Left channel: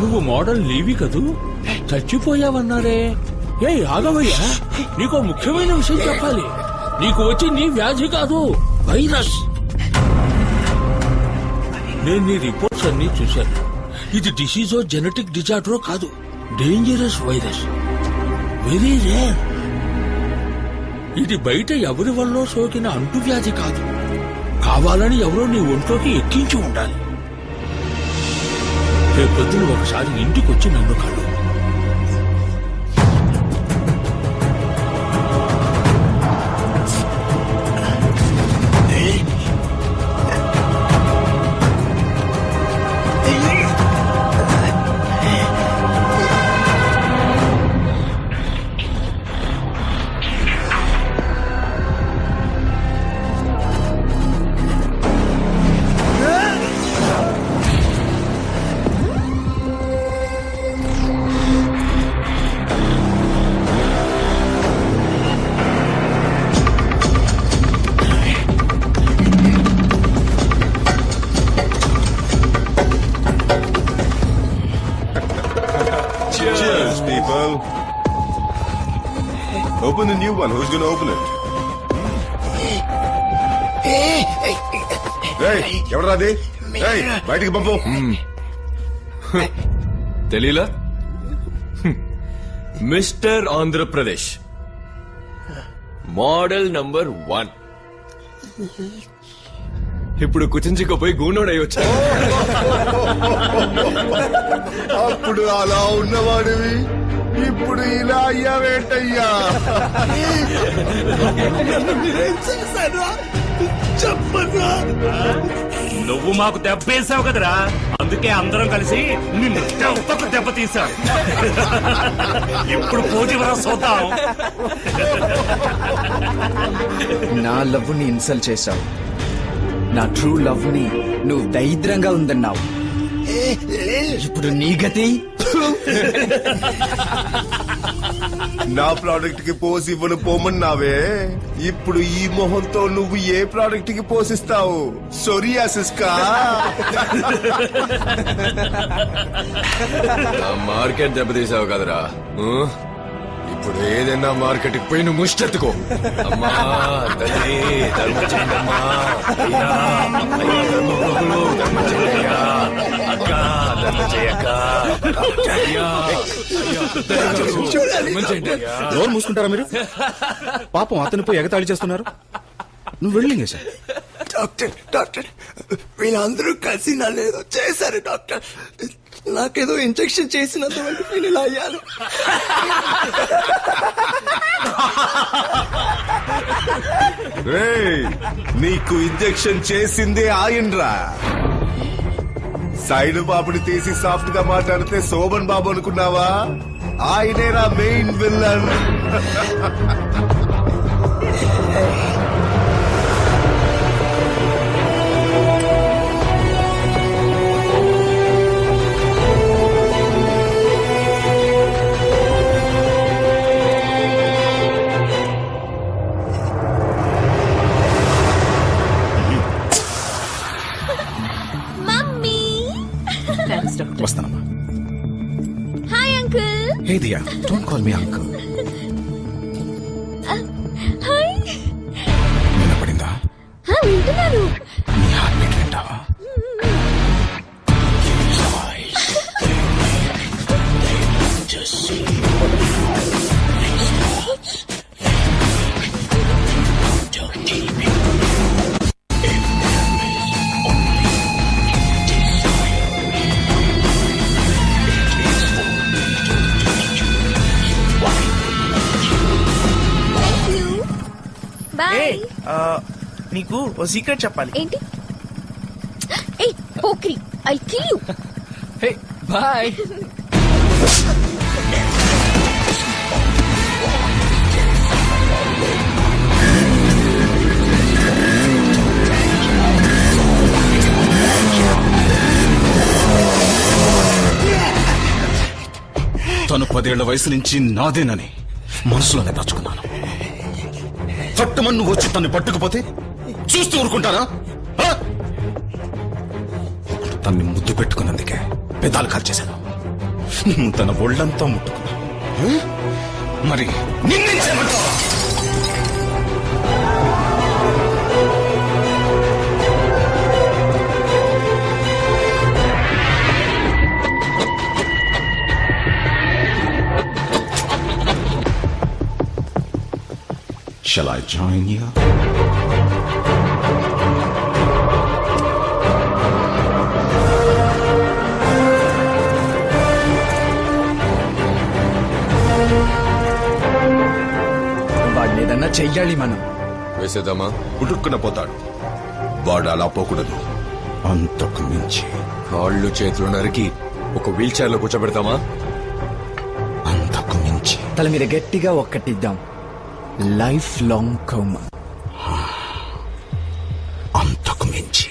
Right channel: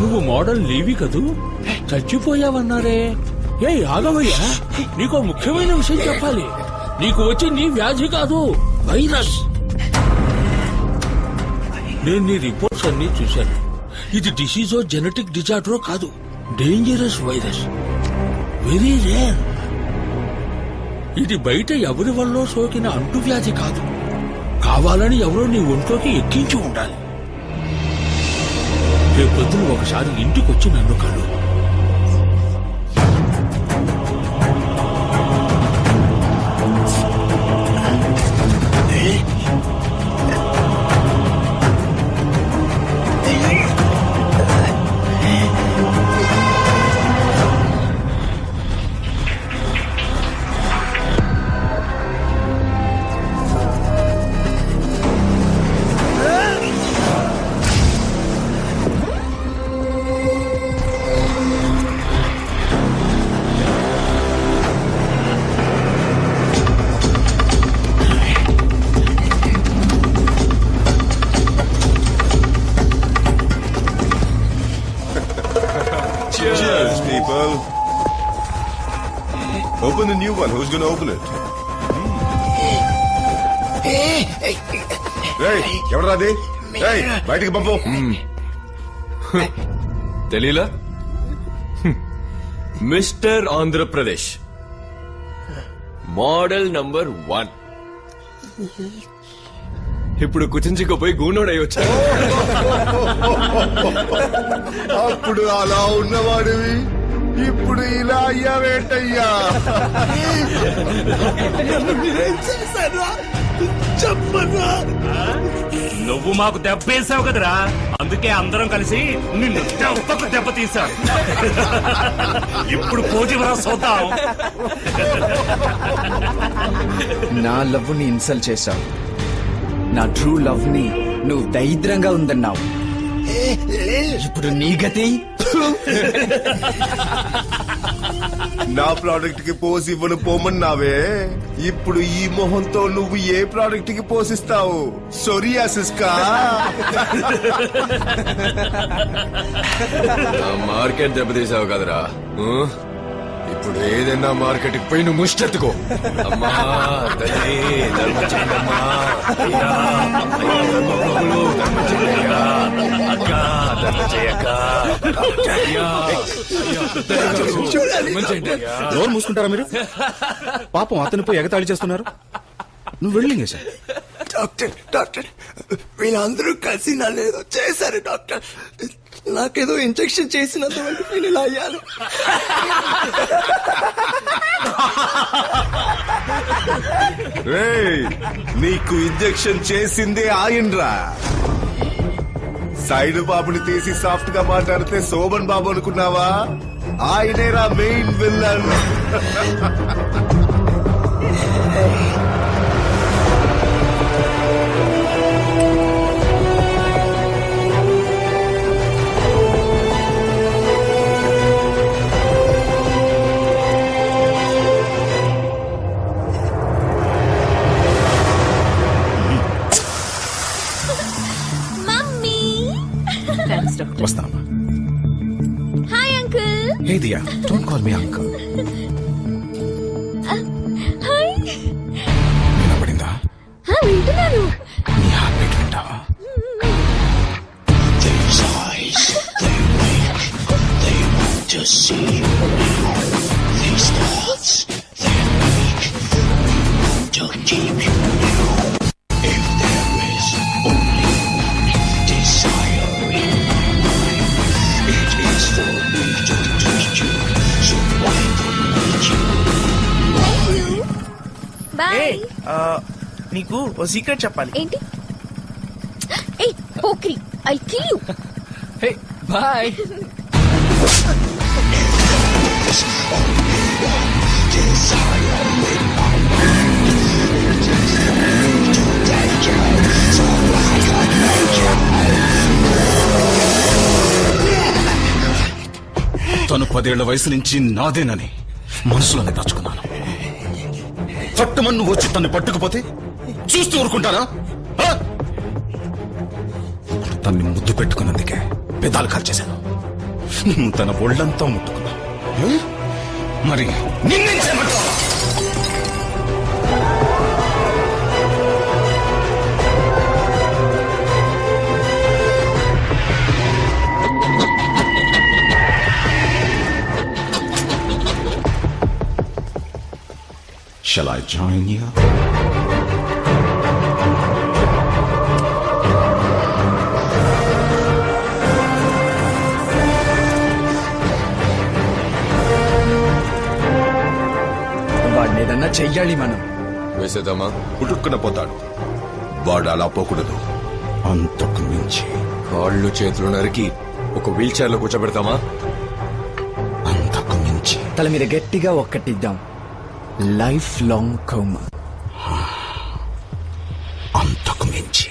నువ్వు మోడల్ లేవి కదూ, చచ్చిపోయావన్నారే. ఏ ఆగవయ్యా, నీకో ముఖ్యమైన విషయం చెప్పాలి. నీకు వచ్చింది వ్యాధి కాదు, వైరస్. నేను నీ రిపోర్ట్స్ అన్ని చూశాను. ఇది డిసీజో జెనెటిక్ డిజార్డరో కాదు, డేంజరస్ వైరస్, వెరీ రేర్. ఇది బయట ఎవరి వల్ల సోకిన అంటువ్యాధి కాదు. కావాలని ఎవరో నీ ఒంట్లోకి ఎక్కించి ఉండాలి. రేపొద్దున ఒకసారి ఇంటికొచ్చి నన్ను కలు. Cheers, people. Open the new one. Who's going to open it? Hey, ఎవరు రాది? Hey, బయటికి పంపు. తెలీలా? Mister Andhra Pradesh model number 1. ఇప్పుడు కుచించుకుపోయి గూనోడై వచ్చా. అప్పుడు అలా ఉన్నవాడివి, ఇప్పుడు ఇలా అయ్యావేంటయ్యా? చెప్పరా, నువ్వు మాకు దెబ్బేసావు కదరా, అందుకే అందరం కలిసి నిన్ను దెబ్బ తీసాం. ఇప్పుడు పోటీవరా చూద్దాం. నా లవ్ ని ఇన్సల్ట్ చేశావు, నా ట్రూ లవ్ ని నువ్వు దరిద్రంగా ఉందన్నావు. ఇప్పుడు నీ గతి. నా ప్రోడక్ట్ కి పోసి ఇవ్వను పోమన్నావే, ఇప్పుడు ఈ మొహంతో నువ్వు ఏ ప్రోడక్ట్ కి పోసిస్తావు? సోరియాసిస్ కా? మార్కెట్ దెబ్బతీసావు కదరా. ఇప్పుడు ఏదైనా మార్కెట్ కి పోయి నువ్వు ముష్టెత్తుకో. అమ్మా తల్లి ధర్మం చేయండి, అమ్మా అయ్యా అయ్యా ధర్మప్రభులు ధర్మం చేయండి, అయ్యా అక్క ధర్మం చేయక్క, డోర్ మూసుకుంటారా మీరు? పాపం అతనిపై ఎగతాళి చేస్తున్నారు. నువ్వు వెళ్ళింగే సార్. డాక్టర్ డాక్టర్ వీళ్ళందరూ కలిసి నన్ను ఏదో చేశారు డాక్టర్. నాకేదో ఇంజెక్షన్ చేసినందువల్ల నేను ఇలా అయ్యాను. నీకు ఇంజెక్షన్ చేసిందే ఆయనరా. సైడ్ బాబుని తీసి సాఫ్ట్ గా మాట్లాడితే శోభన్ బాబు అనుకున్నావా? ఆయనేరా మెయిన్ విల్లన్. వస్తానమ్మా. Hi uncle. Hey Diya, don't call me uncle. Hi. వినపడిందా? వింటున్నాను. నీ హార్ట్ బీట్ వింటావా? నీకు ఓ సీక్రెట్ చెప్పాలి. ఏంటి? ఏయ్ Pokiri, I kill you. Hey bye. తను 10 ఏళ్ల వయసు నుంచి నాదేనని మనసులోనే దాచుకున్నాను. చట్టమని నువ్వు వచ్చి తన్ని పట్టుకుపోతే చూస్తూ ఊరుకుంటారా? తన్ని ముద్దు పెట్టుకున్నందుకే పెదాలు కాల్చేశాను. నువ్వు తన ఒళ్ళంతా ముట్టుకున్నావు. మరి నిన్నేం చేయమంటావు? Shall I join you? వాడిని ఏదన్నా చెయ్యాలి మనం. వేసేద్దామా? పుట్టుక్కున పోతాడు. వాడు అలా పోకూడదు. అంతకు మించి, కాళ్ళు చేతులు నరికి ఒక వీల్ చైర్ లో కూర్చోబెడతామా? అంతకు మించి. తల మీద గట్టిగా ఒక్కటిద్దాం. Life long coma. అంతకు మించి.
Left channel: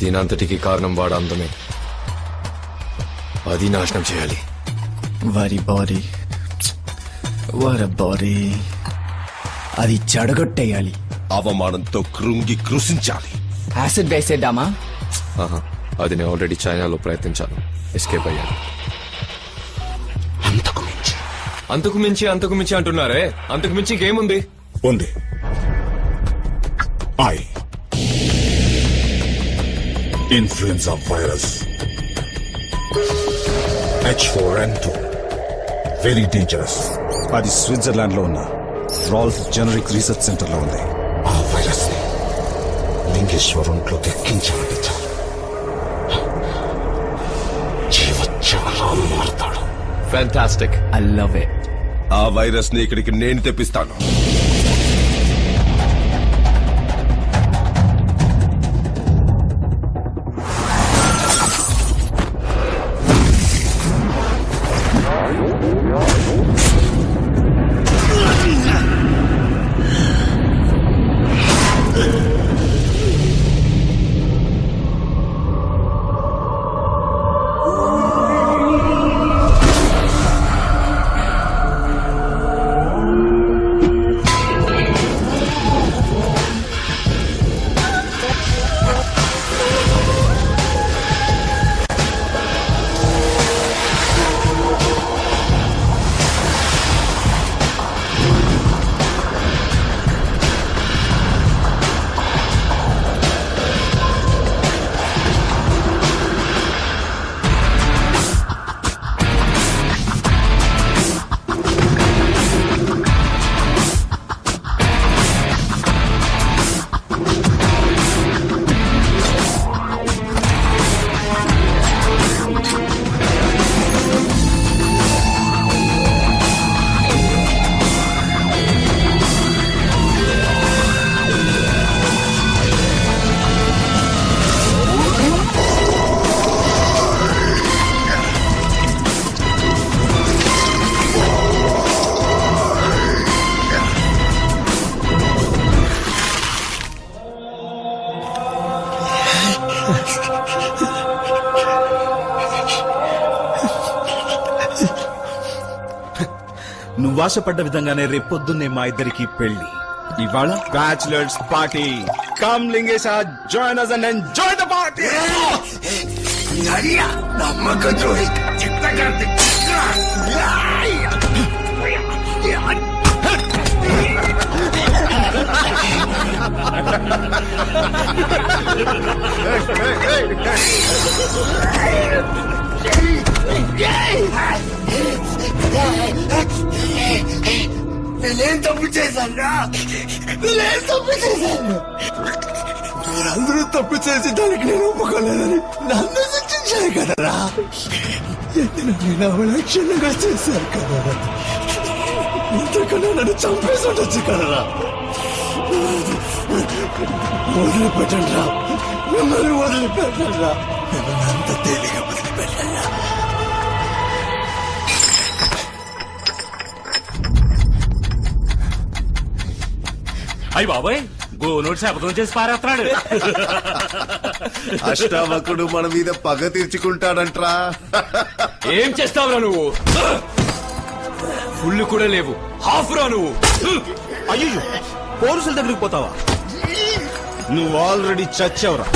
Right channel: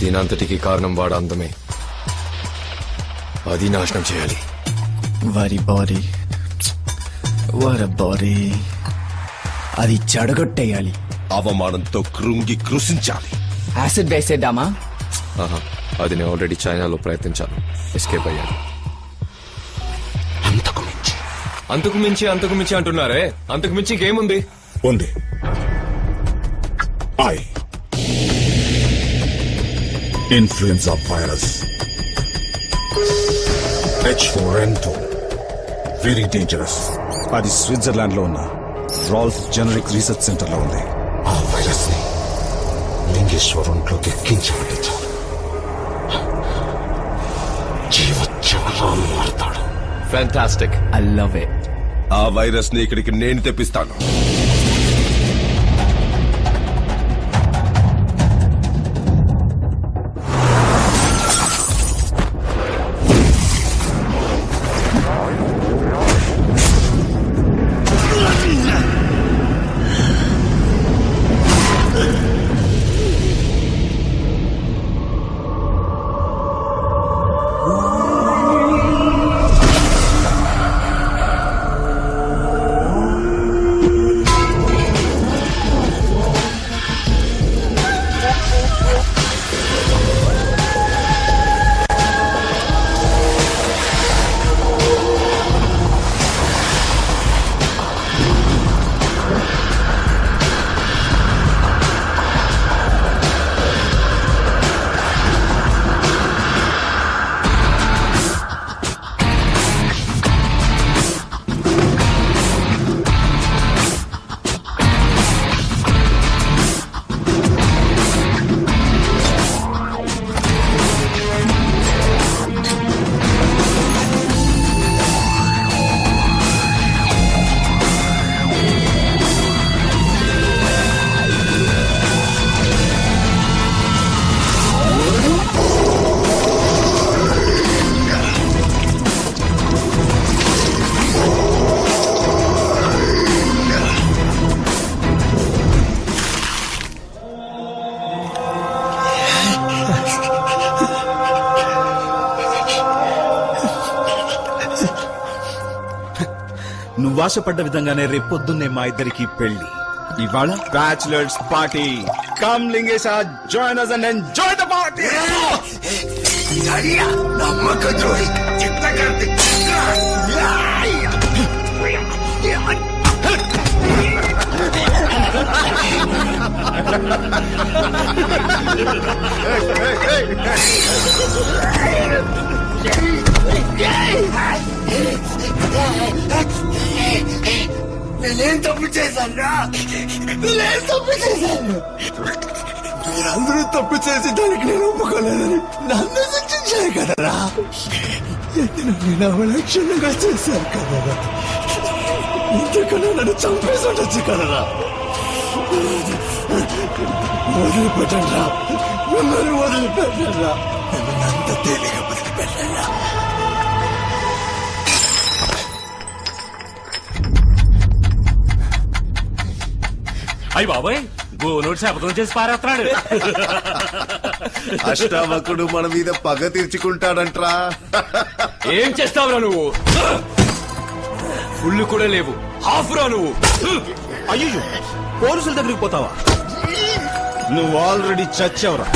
దీనంతటికి కారణం వాడు అందమే. అది నాశనం చేయాలి. వారి బాడీ, వారి బాడీ అది చెడగొట్టేయాలి. అవమానంతో కృంగి కృషించాలి. యాసిడ్ వేసేద్దామా? ఆహా, అది నేను ఆల్రెడీ చైనాలో ప్రయత్నించాను. ఎస్కేప్ అయ్యాను. అంతకు మించి. అంతకు మించి అంతకు మించి అంటున్నారే, అంతకు మించి ఇంకేముంది? ఉంది. Influenza virus H4N2 very dangerous. అది స్విట్జర్లాండ్ లో ఉన్న రాల్ఫ్ జెనరిక్ రీసెర్చ్ సెంటర్ లో ఉంది. ఆ వైరస్ ని లింగేశ్వర్ ఒంట్లోకి ఎక్కించామంటే చాలు, జీవోత్సవంలా మారుతాడు. ఫ్యాంటాస్టిక్. I love it. ఆ వైరస్ ని ఇక్కడికి నేను తెప్పిస్తాను. నువ్వు ఆశపడ్డ విధంగానే రేపొద్దున్నే మా ఇద్దరికి పెళ్లి. ఇవాళ bachelors party. Come Lingesha, join us and enjoy the party. నమ్మక ద్రోహి చిత్తకార్తి. నేనేం తప్పు చేశాను? నేనేం తప్పు చేశాను? మీరందరూ తప్పు చేసి దానికి నేను ఒప్పుకోలేదని నన్ను శిక్షించారు కదరా. నేను అవలక్షణంగా చేశాను కదరా. ఇంతకన్నా నన్ను చంపేసి ఉండొచ్చు కదరా. వదిలిపెట్టండి రా, మిమ్మల్ని వదిలిపెట్టండి రా, మిమ్మల్ని అంత తేలిగా వదిలిపెట్టండి రా. అయ్యి బాబాయ్, గోనోడు శపథం చేసి పారేస్తున్నాడు. అష్టావకుడు మన మీద పగ తీర్చుకుంటాడంట్రా. ఏం చేస్తావురా నువ్వు? ఫుల్ కూడా లేవు, హాఫ్ రా నువ్వు. అయ్యో, పోలీసుల దగ్గరికి పోతావా? నువ్వు ఆల్రెడీ చచ్చావురా.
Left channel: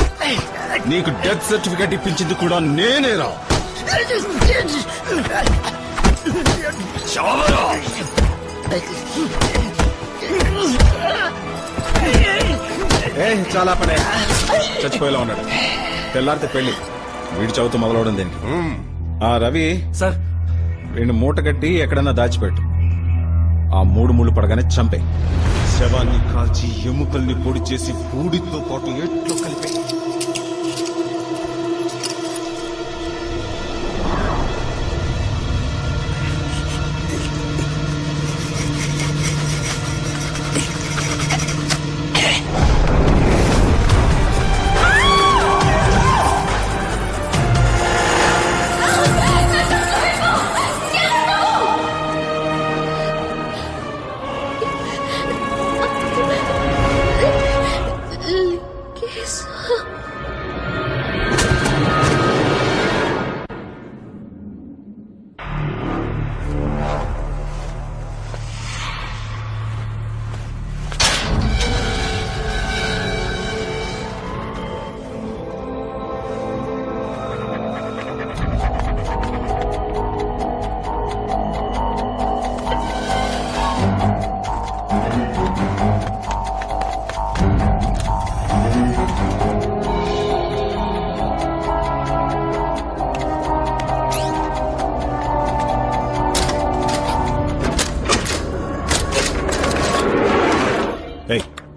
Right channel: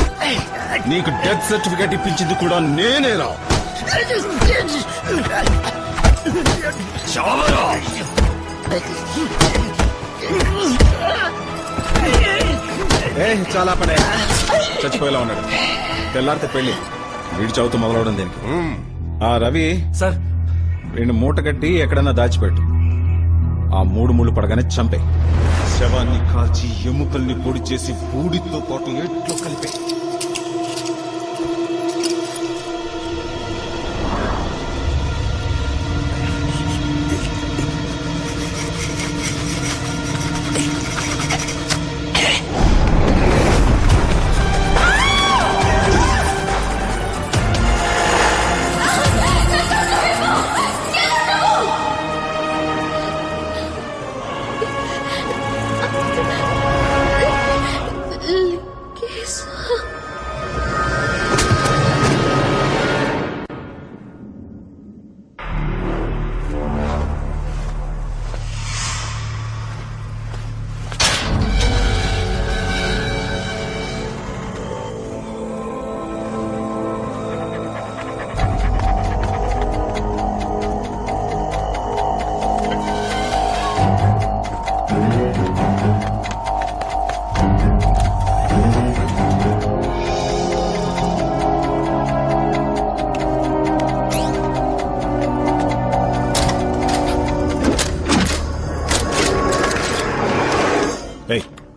నీకు డెత్ సర్టిఫికేట్ ఇప్పించింది కూడా నేనేరా. చావరా! చాలా పనే చచ్చిపోయేలా ఉన్నాడు. తెల్లారితే పెళ్లి, వీడి చదువుతూ మొదలవడం దేనికి? ఆ రవి సార్ వీడిని మూట కట్టి ఎక్కడన్నా దాచిపెట్టు. ఆ 3 ముళ్ళు పడగానే చంపే. శవాన్ని కాల్చి ఎముకల్ని పొడి చేసి బూడితో పాటు ఎట్లో కలిపే.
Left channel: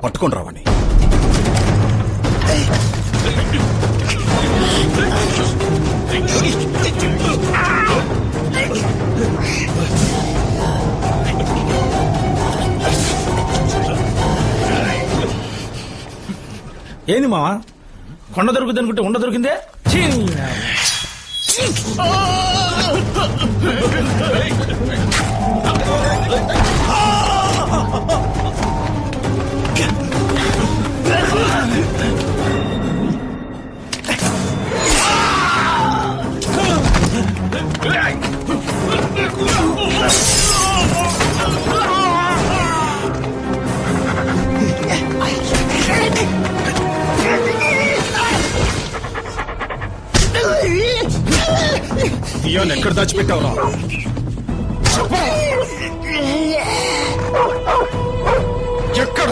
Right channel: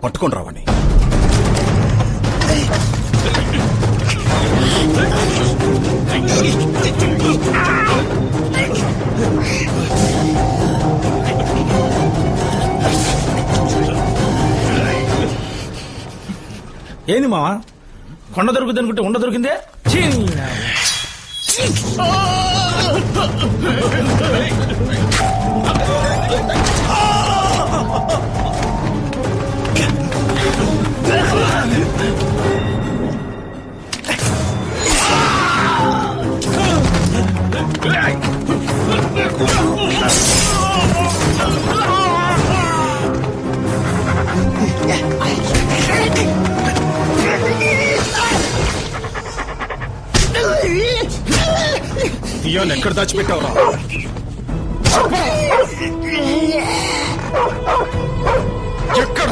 పట్టుకొని రావండి. ఏంది మావా, కొండ దొరుకుతుంది అనుకుంటే ఉండ దొరికిందే. దియాన్ ఎక్కడ దాచిపెట్టావురా? ఎక్కడ?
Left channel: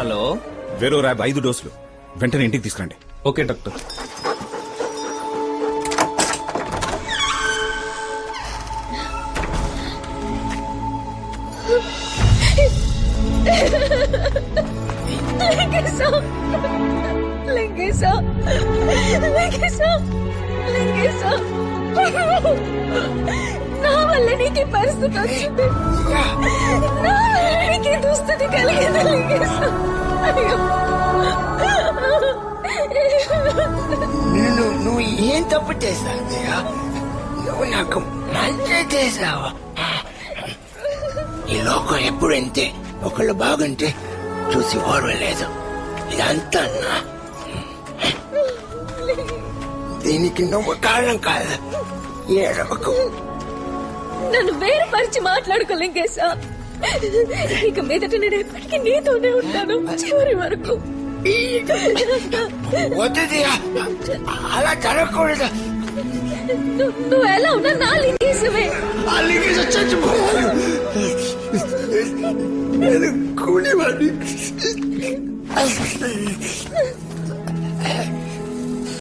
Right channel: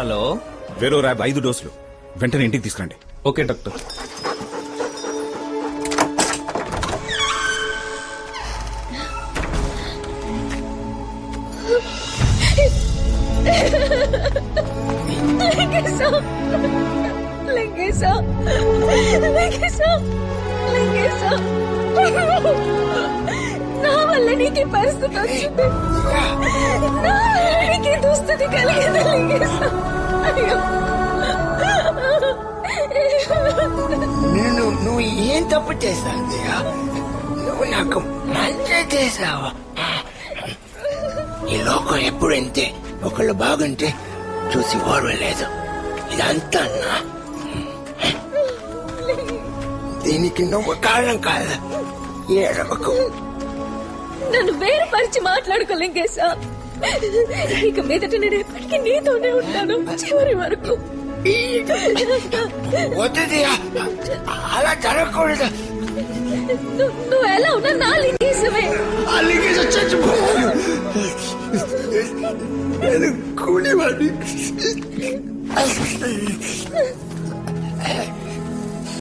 హలో, వేరో ర్యాబ్ 5 డోసులు వెంటనే ఇంటికి తీసుకురండి. Okay doctor. నా వల్ల నీకు పరిస్థితి వచ్చింది, నా వల్ల నీకు దుస్థితి కలిగింది లింగేశ. నువ్వు ఏం తప్పు చేశావు? నువ్వు నాకు మంచి చేశావు. ఈ లోకం ఎప్పుడు అంతే, ఒకళ్ళు బాగుంటే చూసి ఓర్వలేదు. ఇదంతా దీనికి నువ్వు కారణం కాదు. ఏడవకు. నన్ను వేరుపరిచి మాట్లాడుకో లింగేశ. ఇక మీదట నేను ఎప్పటికీ నీతోనే ఉంటాను చివరి వరకు. వద్దు, అలా జరగకూడదు. నువ్వు ఎలా ఉన్నా నా లింగేశమే. ఆ లింగేశ చచ్చిపోయాడు. నేను కూలివాడిని.